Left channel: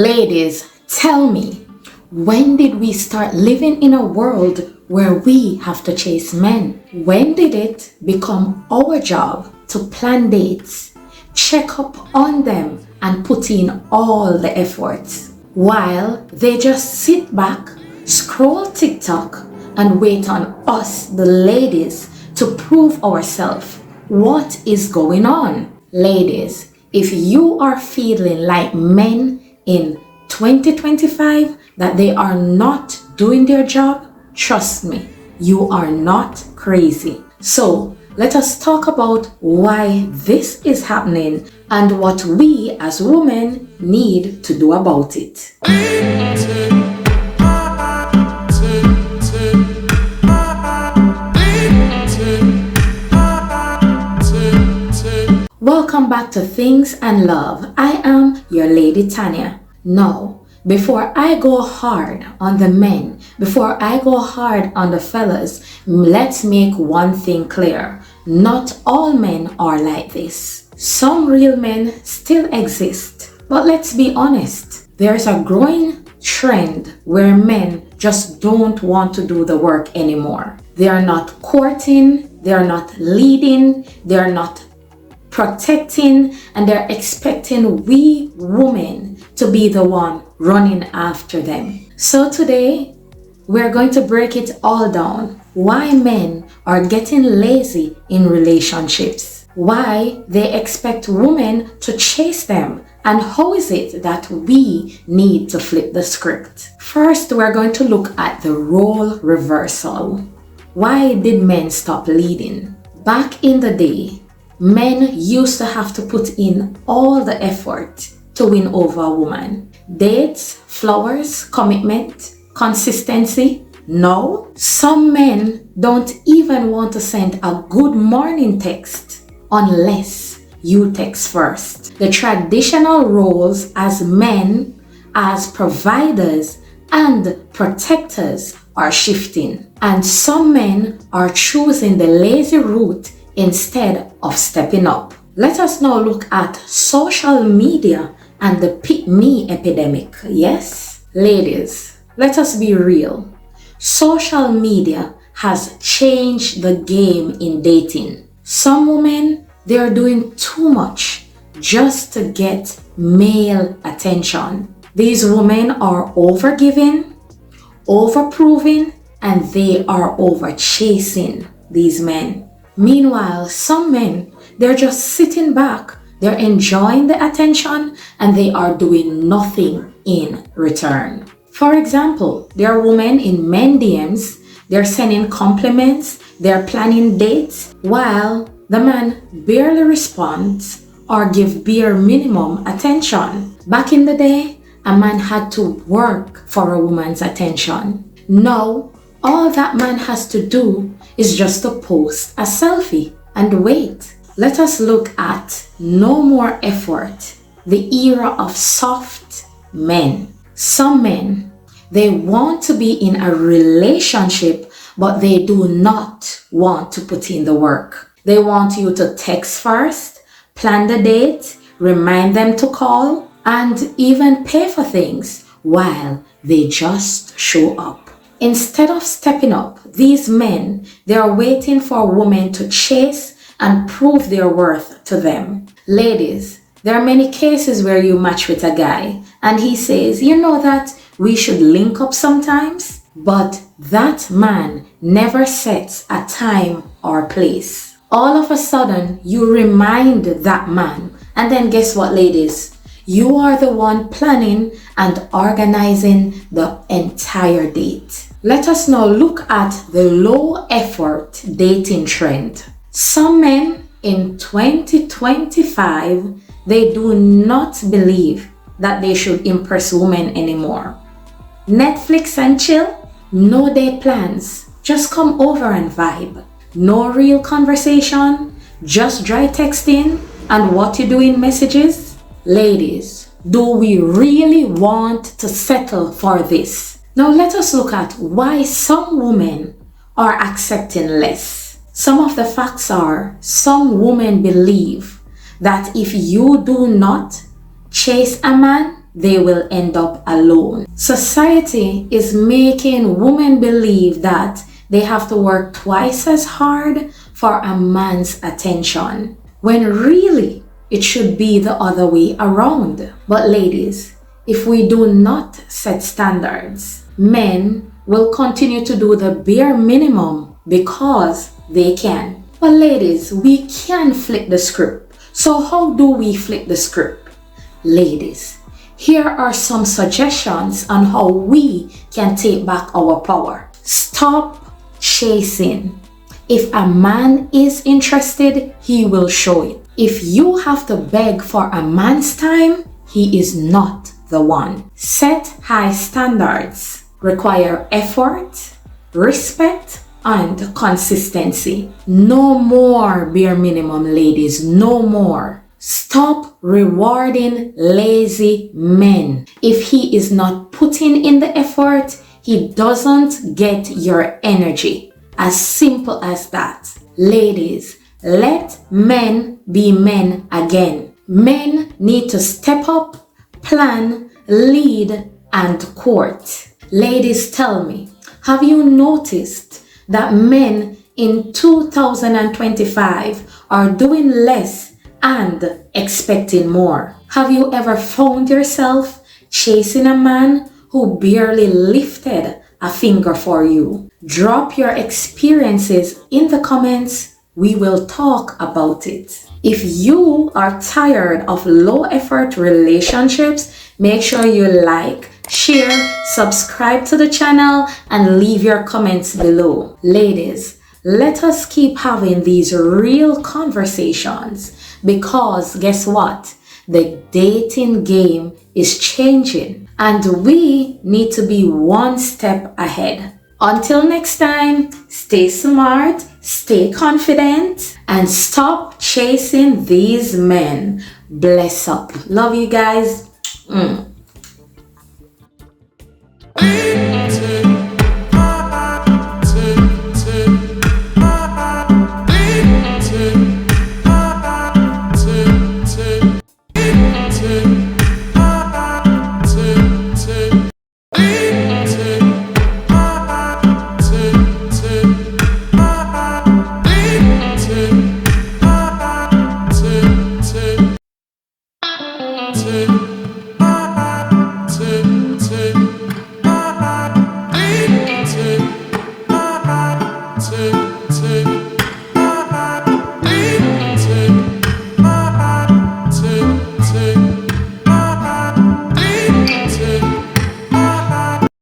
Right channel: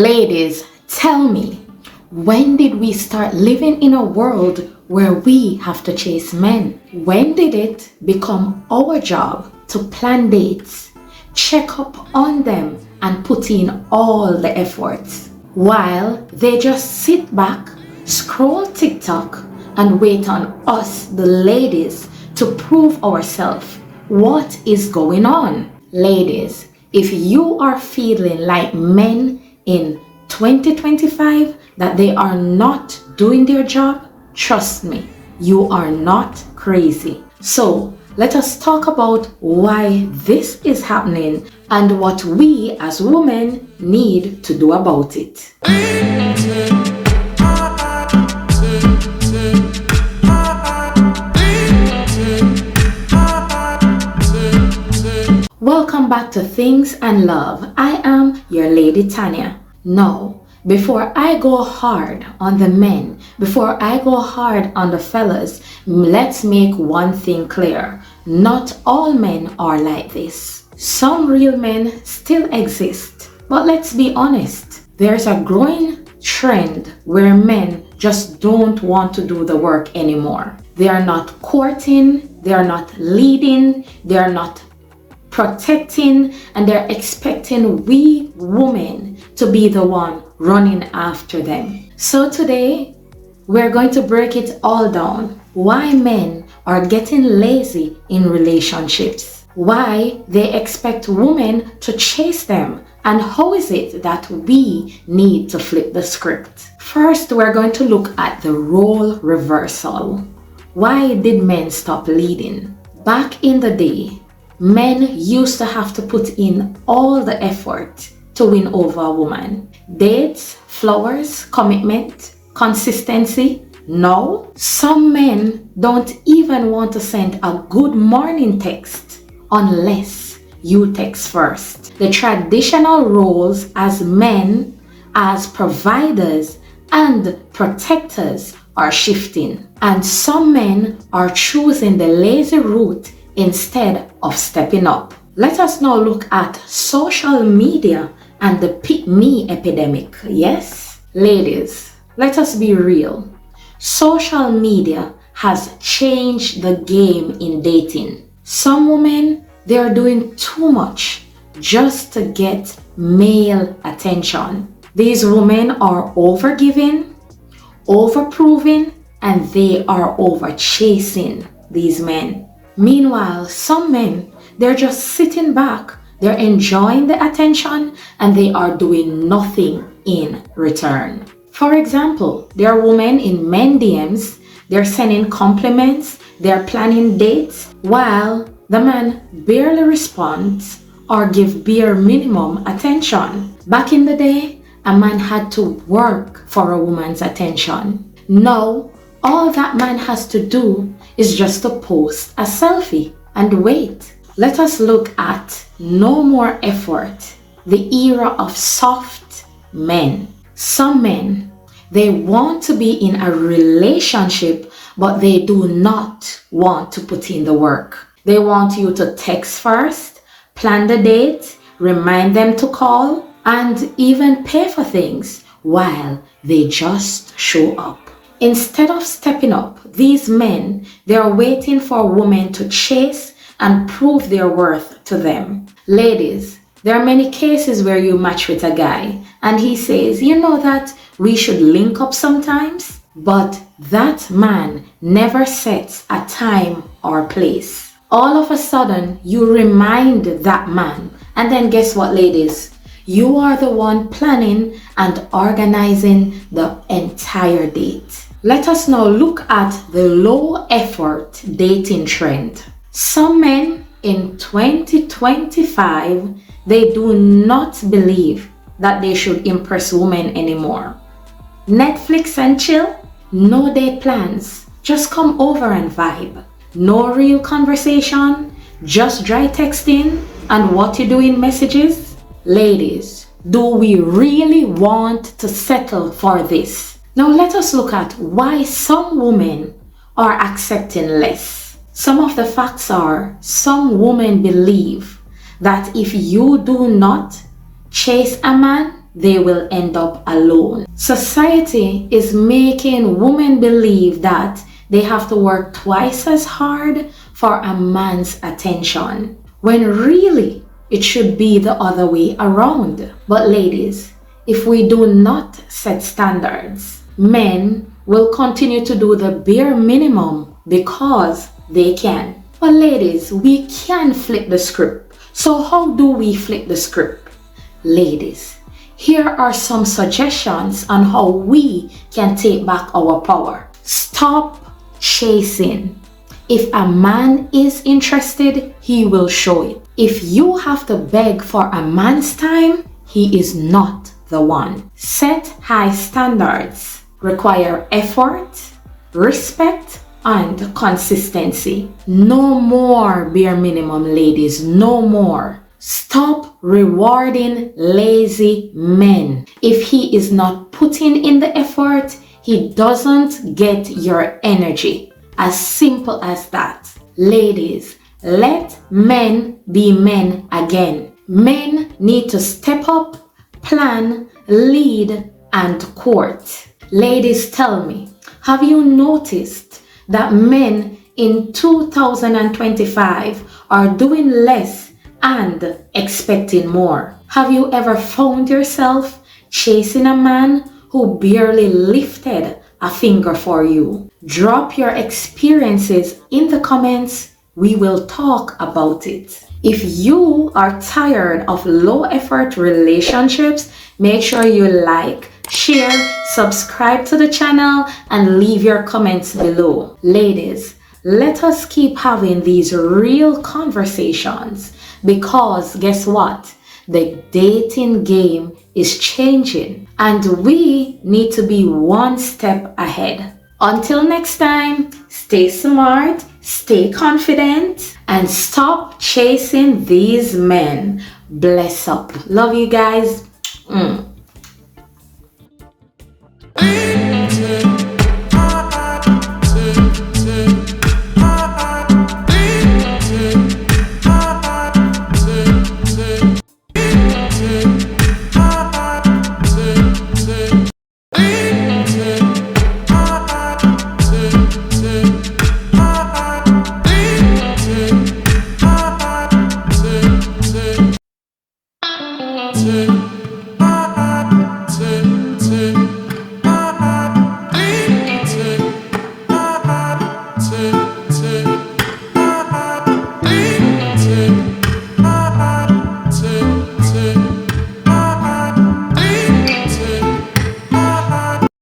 Ladies, tell me, when did we start living in a world where we have to chase men? When did it become our job to plan dates, check up on them, and put in all the efforts, while they just sit back, scroll TikTok, and wait on us, the ladies, to prove ourselves? What is going on? Ladies, if you are feeling like men in 2025 that they are not doing their job, trust me, you are not crazy. So let us talk about why this is happening and what we as women need to do about it. Welcome back to Things and Love. I am your lady Tanya. Now, before I go hard on the men, before I go hard on the fellas, let's make one thing clear. Not all men are like this. Some real men still exist. But let's be honest, there's a growing trend where men just don't want to do the work anymore. They are not courting, they are not leading, they are not protecting, and they're expecting we women to be the one running after them. So today, we're going to break it all down. Why men are getting lazy in relationships, why they expect women to chase them, and how is it that we need to flip the script. First, we're going to look at the role reversal. Why did men stop leading? Back in the day, men used to have to put in all the effort to win over a woman. Dates, flowers, commitment, consistency. No, some men don't even want to send a good morning text unless you text first. The traditional roles as men, as providers and protectors are shifting, and some men are choosing the lazy route instead of stepping up. Let us now look at social media and the pick me epidemic. Yes, ladies, let us be real. Social media has changed the game in dating. Some women, they are doing too much just to get male attention. These women are overgiving, overproving, and they are over chasing these men. Meanwhile, some men, they're just sitting back, they're enjoying the attention, and they are doing nothing in return. For example, there are women in men DMs, they're sending compliments, they're planning dates, while the man barely responds or give bare minimum attention. Back in the day, a man had to work for a woman's attention. Now, all that man has to do is just to post a selfie and wait. Let us look at no more effort, the era of soft men. Some men, they want to be in a relationship, but they do not want to put in the work. They want you to text first, plan the date, remind them to call, and even pay for things while they just show up. Instead of stepping up, these men, they are waiting for women to chase and prove their worth to them. Ladies, there are many cases where you match with a guy and he says, you know that we should link up sometimes, but that man never sets a time or place. All of a sudden, you remind that man, and then guess what, ladies? You are the one planning and organizing the entire date. Let us now look at the low effort dating trend. Some men in 2025, they do not believe that they should impress women anymore. Netflix and chill, no date plans, just come over and vibe. No real conversation, just dry texting and what you do in messages. Ladies, do we really want to settle for this? Now let us look at why some women are accepting less. Some of the facts are, some women believe that if you do not chase a man, they will end up alone. Society is making women believe that they have to work twice as hard for a man's attention, when really it should be the other way around. But ladies, if we do not set standards, men will continue to do the bare minimum because they can. But ladies, we can flip the script. So how do we flip the script? Ladies, here are some suggestions on how we can take back our power. Stop chasing. If a man is interested, he will show it. If you have to beg for a man's time, he is not the one. Set high standards. Require effort, respect, and consistency. No more bare minimum, ladies. No more. Stop rewarding lazy men. If he is not putting in the effort, he doesn't get your energy. As simple as that. Ladies, let men be men again. Men need to step up, plan, lead, and court. Ladies, tell me, have you noticed that men in 2025 are doing less and expecting more? Have you ever found yourself chasing a man who barely lifted a finger for you? Drop your experiences in the comments. We will talk about it. If you are tired of low effort relationships, make sure you like, share, subscribe to the channel, and leave your comments below. Ladies, let us keep having these real conversations, because guess what? The dating game is changing and we need to be one step ahead. Until next time, stay smart, stay confident, and stop chasing these men. Bless up. Love you guys.